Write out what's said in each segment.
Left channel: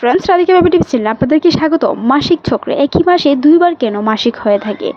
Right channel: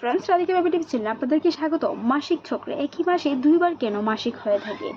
Friends Radhika baby tips চ্যানেলে আপনাদেরকে স্বাগত। মাসিক চক্রে, একই মাসে দুইবার কেন মাসিক হয়ে থাকে?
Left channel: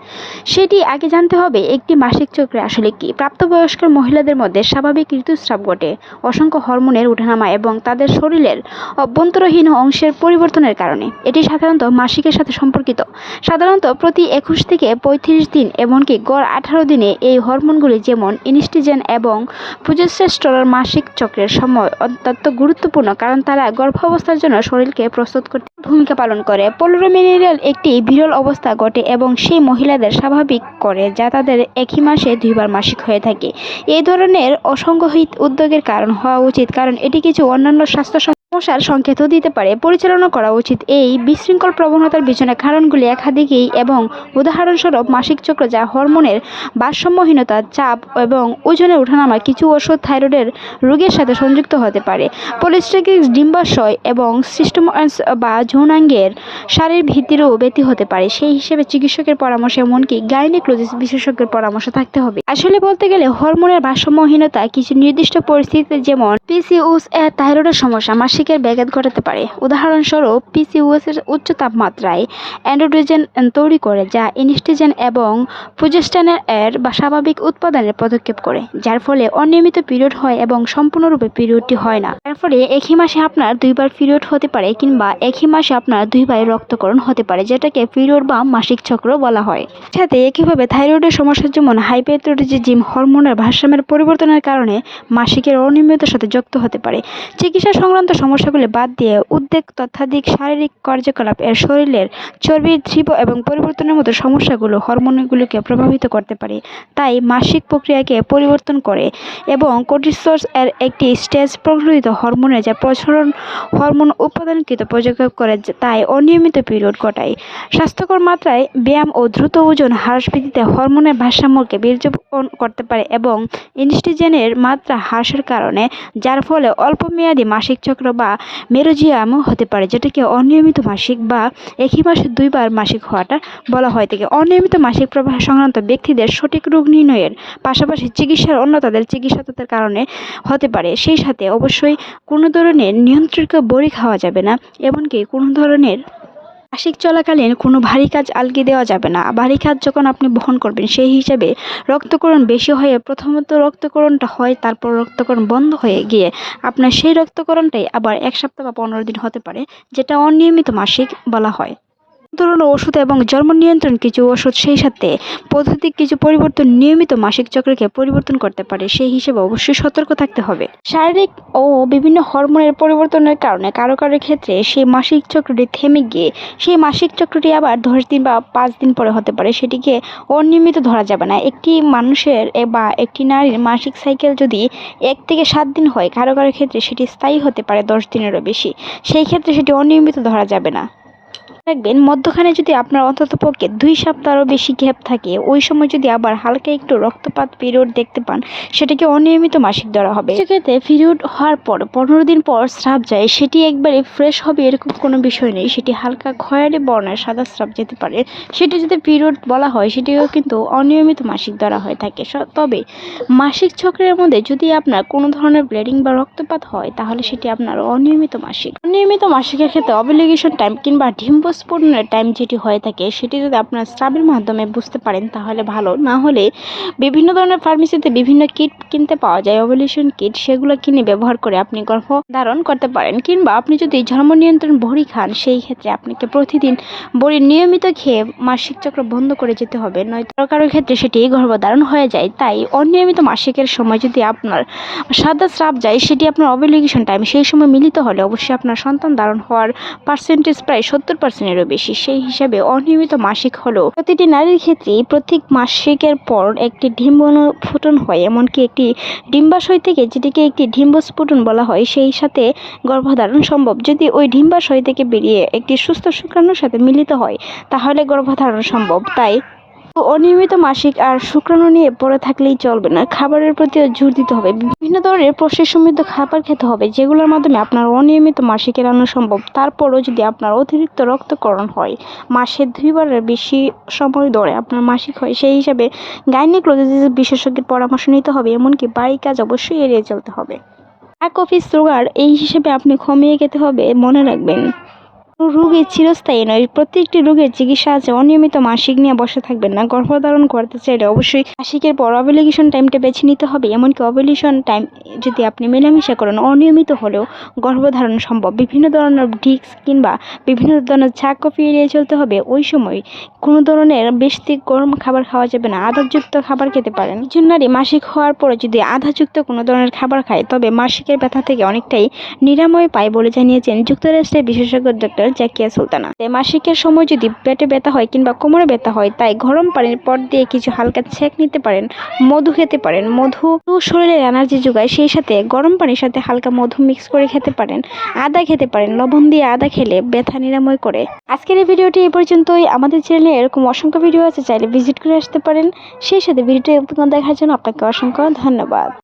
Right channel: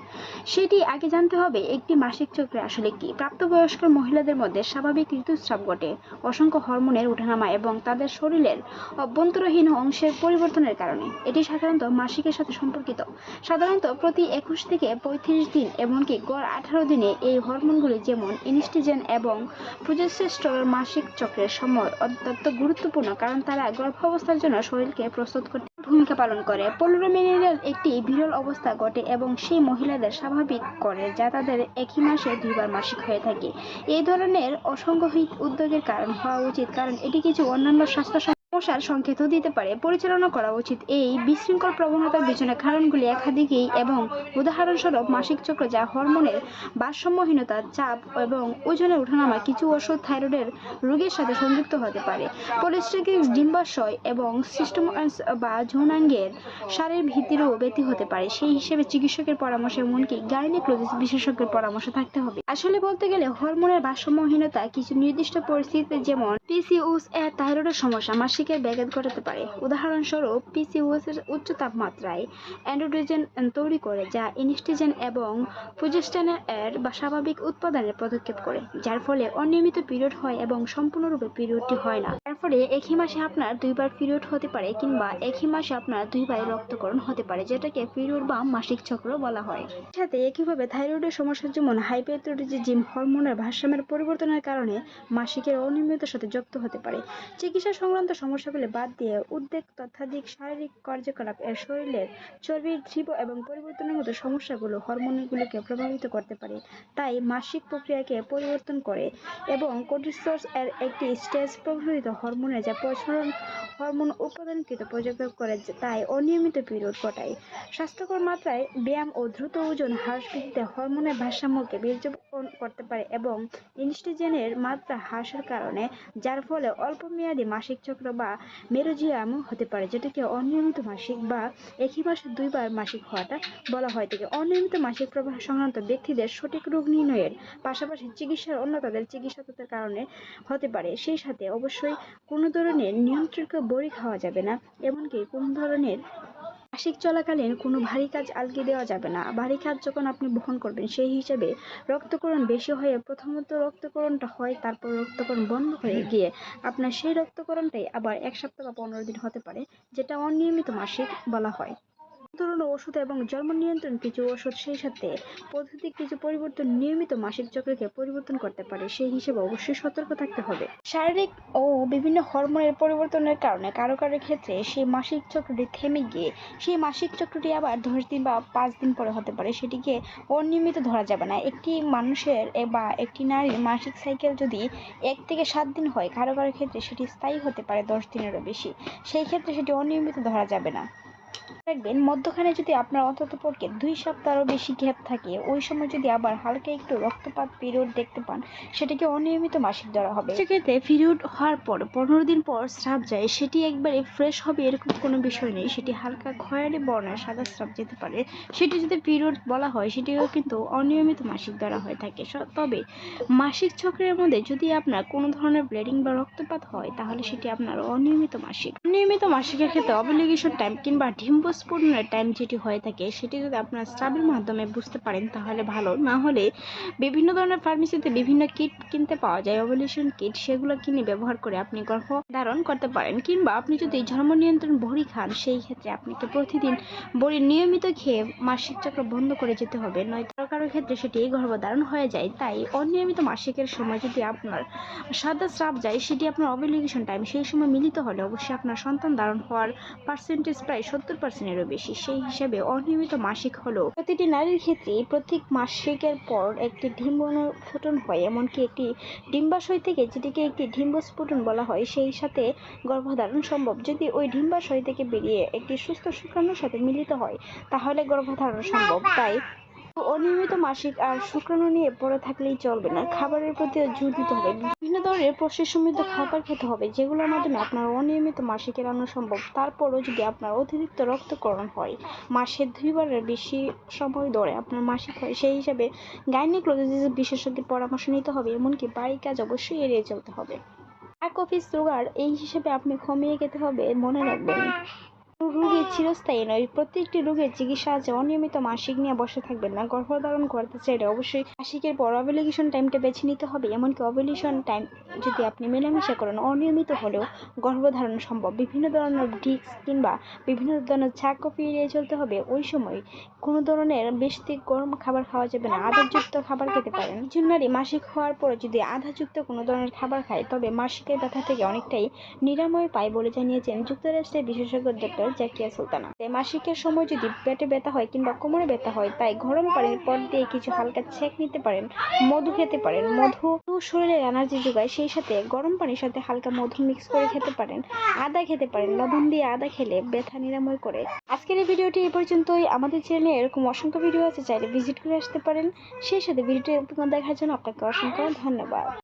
সেটি আগে জানতে হবে, একটি মাসিক চক্রে আসলে কি? প্রাপ্তবয়স্ক মহিলাদের মধ্যে স্বাভাবিক ঋতুস্রাব ঘটে, অসংখ্য হরমোনের উঠানামা এবং তাদের শরীরের অভ্যন্তরহীন অংশের পরিবর্তনের কারণে। এটি সাধারণত মাসিকের সাথে সম্পর্কিত। সাধারণত প্রতি একুশ থেকে পঁয়ত্রিশ দিন, এমনকি গড় আঠারো দিনে এই হরমোনগুলি যেমন ইনস্টিজেন এবং প্রজেস্টেস্টরন মাসিক চক্রের সময় অত্যন্ত গুরুত্বপূর্ণ, কারণ তারা গর্ভাবস্থার জন্য শরীরকে প্রস্তুত করতে ভূমিকা পালন করে। পোলোরোমিনারিয়াল একটি বিরল অবস্থা ঘটে এবং সেই মহিলাদের স্বাভাবিক করে, যা তাদের একই মাসে দুইবার মাসিক হয়ে থাকে। এই ধরনের অসংগঠিত উদ্যোগের কারণ হওয়া উচিত, কারণ এটি কিছু অন্যান্য স্বাস্থ্য সমস্যার সংকেতও দিতে পারে। পরিচালনা করা উচিত এই বিশৃঙ্খল প্রবণতার পিছনে কারণগুলি একাধিকই এবং উদাহরণস্বরূপ মাসিক চক্র যা হরমোনের ভারসাম্যহীনতা, চাপ এবং ওজনের ওঠানামা কিছু ওষুধ থাইরয়েডের রোগের সাথে সংযুক্ত হতে পারে। পলিস্টাকিক ডিম্বাশয় এবং সিস্টেমাস বা যৌনাঙ্গের শারীর ভিত্তিরও ব্যতি হতে পারে। সেই হিসেবে চিকিৎসকের পরামর্শ এমনকি গাইনিকোলজিস্ট বিশেষজ্ঞের পরামর্শ থাকতে হবে। আসলে বলতে গেলে হরমোনের ভারসাম্যহীনতা কিছু নির্দিষ্ট পরিস্থিতিতে যেমন পিসিওস এর থাইরয়েডের সমস্যা মাসিকের ব্যাঘাত ঘটাতে পারে। উদাহরণস্বরূপ পিসিওএস এর উচ্চ তাপমাত্রায় অ্যান্ড্রোজেন তৈরি করে, যা ইনস্টিজেন এবং প্রোজেস্টেরন এর বা স্বাভাবিক উৎপাদনের পদক্ষেপ করে, যার ফলে অনিয়মিত পিরিয়ড হয় এবং সম্পূর্ণরূপে পিরিয়ডটি হয় না। যার ফলে একই মাসে আপনার দুইবার পিরিয়ড হতে পারে কিংবা একই মাসে আপনার দুইবার রক্তকরণ হতে পারে, যেটাকে পিরিয়ড বা মাসিক চক্র বলা হয়। সাথে একইভাবে থাইরয়েডের সমস্যা যেমন হাইপোথাইরয়েডিজম হরমোনের ভারসাম্যের পরিবর্তনের কারণে মাসিকের অনিয়মিততার সাথে যুক্ত হতে পারে। চিকিৎসা সংক্রান্ত সমস্যাগুলি বাদ দিয়ে উদ্বেগ তথ্যাধিক শারীরিক কার্যকলাপ এর শরীরের চর্বি তীব্র এবং পরিবর্তনের মতো সমস্যাগুলো হরমোনগুলিকে প্রভাবিত করতে পারে। তাই মাসিক প্রক্রিয়াকে পরিবর্তন করে এবং কোর্টিসোস এর একটি স্টেজ প্রকৃত হরমোনে যা প্রসারণ হরমোন উৎপাদনকৃত প্রযোগ করে, তাই অনিয়মিত পিরিয়ড ঘটায়। স্বাস্থ্যকর মাত্রায় ব্যায়াম ও দ্রুত ওজন হ্রাস বৃদ্ধিতে হরমোনের ভারসাম্যকে বীর্যপণ করতে পারে এবং ইনস্টিজেনের মাত্রা হ্রাসের কারণে, যার ফলে অল্পমেয়াদী মাসিক চক্র বা মেরোজিয়ামও হতে পারে, যেটাকে অনিয়মিত মাসিক বা একই মাসে দুইবার মাসিক হওয়াটা বলা হয় থেকে অনিয়মিত মাসিক প্রবাহ সংক্রান্ত ব্যক্তিদের সঠিক রোগ নির্ণয়ের পাশাপাশি চিকিৎসার অন্য তাদের চিকিৎসাতের কারণে হতে পারে। সেই সাথে অবশ্যই কোনো ধরনের নিয়ন্ত্রিত বড়ি খাওয়া যাবে না, এমনকি কোনো ধরনের মাসিক চলাকালীন কোনো ভারী কাজ আলগি দেওয়া যাবে না। ভারী কাজ যখন আপনি বহন করবেন, সেই হিসাবে রক্তকরণ বেশি হয়ে প্রথমত রক্তকরণটা হয়, তারপর রক্তকরণ বন্ধ হয়ে গিয়ে আপনার সেই রক্তকরণটাই আবার এক সপ্তাহ বা পনেরো দিন হতে পারে, যেটা অনিয়মিত মাসিক বলা হয়। ধরনের ওষুধ এবং জন্ম নিয়ন্ত্রণ কিছু ওষুধ সেই সাথে পদ্ধতিক কিছু পরিবর্তন নিয়মিত মাসিক চক্রকে পরিবর্তন করতে পারে, সেই হিসেবে অবশ্যই সতর্ক থাকতে হবে। শারীরিক ও বিভিন্ন হরমোনের পরিবর্তনের কারণে কারও কারও ক্ষেত্রে সেই মাসিক চক্রটি থেমে গিয়ে, সেই মাসিক চক্রটি আবার দশ দিন বা পাঁচ দিন পরে হতে পারে, সেটিকে অনিয়মিত ধরা যাবে না। একটি মানুষের বা একটি নারীর মাসিক সাইকেল যদি এক থেকে সাত দিন হয়, কারও কারও ক্ষেত্রে সেটি স্থায়ী হতে পারে দশ দিনেরও বেশি। সেই ক্ষেত্রে সেটি অনিয়মিত ধরা যাবে না। রাখবেন মধ্যখানে যদি আপনার অন্তত পক্ষে দুই সপ্তাহেরও বেশি গ্যাপ থাকে, ওই সময় যদি আবার হালকা একটু রক্তপাত পিরিয়ড দেখতে পান, সেটাকে অনিয়মিত মাসিক ধরা হবে। সেক্ষেত্রে পিরিয়ড হওয়ার পর, পনেরো দিন পর স্রাব যায়, সেটি একবারে ফ্রেশ হবে এরকম কোনো বিষয় নেই। সেটি হালকা খয়েরি বর্ণের সাদা স্রাব যেতে পারে। সেটি যদি পিরিয়ড বলা হয়, সেটিও কিন্তু অনিয়মিত মাসিক ধরা হয়ে থাকে। তবে মাসিক চক্রের মধ্যে যদি আপনার কোনো ধরনের ব্লিডিং বা রক্তপাত হয়, তাহলে সেটি আপনার অনিয়মিত মাসিক। অনিয়মিত মাসিকের ক্ষেত্রে অবলিগেশন টাইম কিংবা ডিম্বস্ফোটনের টাইম যেটি হয়ে থাকে, সেটি যদি আপনার স্রাবের মাধ্যমে বুঝতে পারেন তাহলে ভালো। না হলে বিভিন্ন ধরনের ফার্মেসিতে বিভিন্ন কিট কিনতে পাওয়া যায় ওভলিউশন কিট সেগুলো কিনে ব্যবহার করে আপনি গর্ভ ধারণ করতে পারেন। কিংবা আপনি যদি ধর্ম নিয়ন্ত্রণ বড়ি খান, সেই ক্ষেত্রে আপনাকে প্রতিদিন বড়ি নিয়মিত খেয়ে মাসিক চক্র বন্ধ করে যেতে হবে। নয়তো কারও কারও ক্ষেত্রে সেটি গর্ভধারণ হয়ে যায়, তাই অনিয়মিত মাসিকের সময় যদি আপনার সাদা স্রাব যায়, সেটি আপনার অবলিগেশন টাইম সেই সময় মিলিত হলে অবশ্যই আপনার সন্তান ধারণ হওয়ার পার্সেন্টেজ প্রায় সত্তর পার্সেন্টেরও বেশি, সেই হিসাবে অনিয়মিত মাসিক হলো প্রতিটি নারীর ক্ষেত্রেই প্রত্যেক মাসিকের পর একটি ডিম্বস্ফোটন হয়, এমনকি একটি ডিম্বাশয় থেকে যেটিকে একটি ডিম্বস্ফুটন বলা হয়, সেই সাথে গর্ভধারণ সম্ভব। যদি ওই ডিম্বাশয় থেকে বেরিয়ে একটি সুস্থ শুক্রাণুর সাথে মিলিত হয়, তাহলে গর্ভধারণ সম্ভব। তাই অনিয়মিত মাসিক আর শুক্রাণু নিয়ে পড়ে থাকলেই চলবে না। খাবারের প্রতিও জোর দিতে হবে। বিভিন্ন ধরনের প্রসেস সমৃদ্ধ খাবার খেতে হবে, যেগুলোর মাধ্যমে আপনার অনিয়মিত মাসিক এড়ানো সম্ভব। তারপরও যদি আপনার অতিরিক্ত রক্তকরণ হয়, মাসে দুইবারের বেশি সময় ধরে আপনার মাসিক হয়, সেই হিসাবে গাইনিকোলজিস্ট বিশেষজ্ঞের পরামর্শ নিতে হবে। এমনকি বাড়ি কাজ অবশ্যই এড়িয়ে চলতে হবে। এক কফি, সুগার, এই হিসেবে আপনি কমিয়ে খেতে হবে, মনে রাখবেন। রোগী চিরস্থায়ী নয়, প্রত্যেকটি রোগের চিকিৎসা আছে, অনিয়মিত মাসিক নিয়ে বসে থাকবেন না। গর্ভধারণ করতে চাইলে অবশ্যই মাসিকের পর অবলিগেশন টাইমটা বেছে নিতে হবে, এমনকি অবলিউশন টাইম যদি আপনি মেলামেশা করেন, অনিয়মিত হলেও গর্ভধারণ সম্ভব। বিভিন্ন ধরনের ডিক্স কিংবা বিভিন্ন ধরনের কফি এড়িয়ে চলতে হবে। ওই সময় কোনো ধরনের বেশি গরম খাবার খাওয়া যাবে না আদাযুক্ত খাবার খেতে পারেন। একজন নারী মাসিক হওয়ার পরে যদি আধাযুক্ত কোনো ধরনের খাবার খায়, তবে মাসিকের ব্যথা থেকে অনেকটাই নিরাময় পায় বলে জানিয়েছেন যুক্তরাষ্ট্রের বিশেষজ্ঞ ডক্টর জাকিয়া সুলতানা। তাই মাসিকের সময় যদি পেটে ব্যথা হয় কিংবা কোমরে ব্যথা হয়, তাই গরম পানির পর দিয়ে কিছু হালকা ছেঁক নিতে পারেন, মধু খেতে পারেন। মধু শরীরে এনার্জি যোগায় সেই সাথে গরম পানির সাথে হালকা মধু মিক্স করে খেতে পারেন, আদা খেতে পারেন, লবণ দিয়ে আদা খেলে ব্যথা নিরাময় করে। আজকের এই ভিডিওটি এই পর্যন্তই। আমাদের চ্যানেলে এরকম অসংখ্য ভিডিও আছে, চাইলে ভিজিট করে আসতে পারেন। সেই সাথে ভিডিওটি দেখার জন্য আপনাকে অসংখ্য ধন্যবাদ।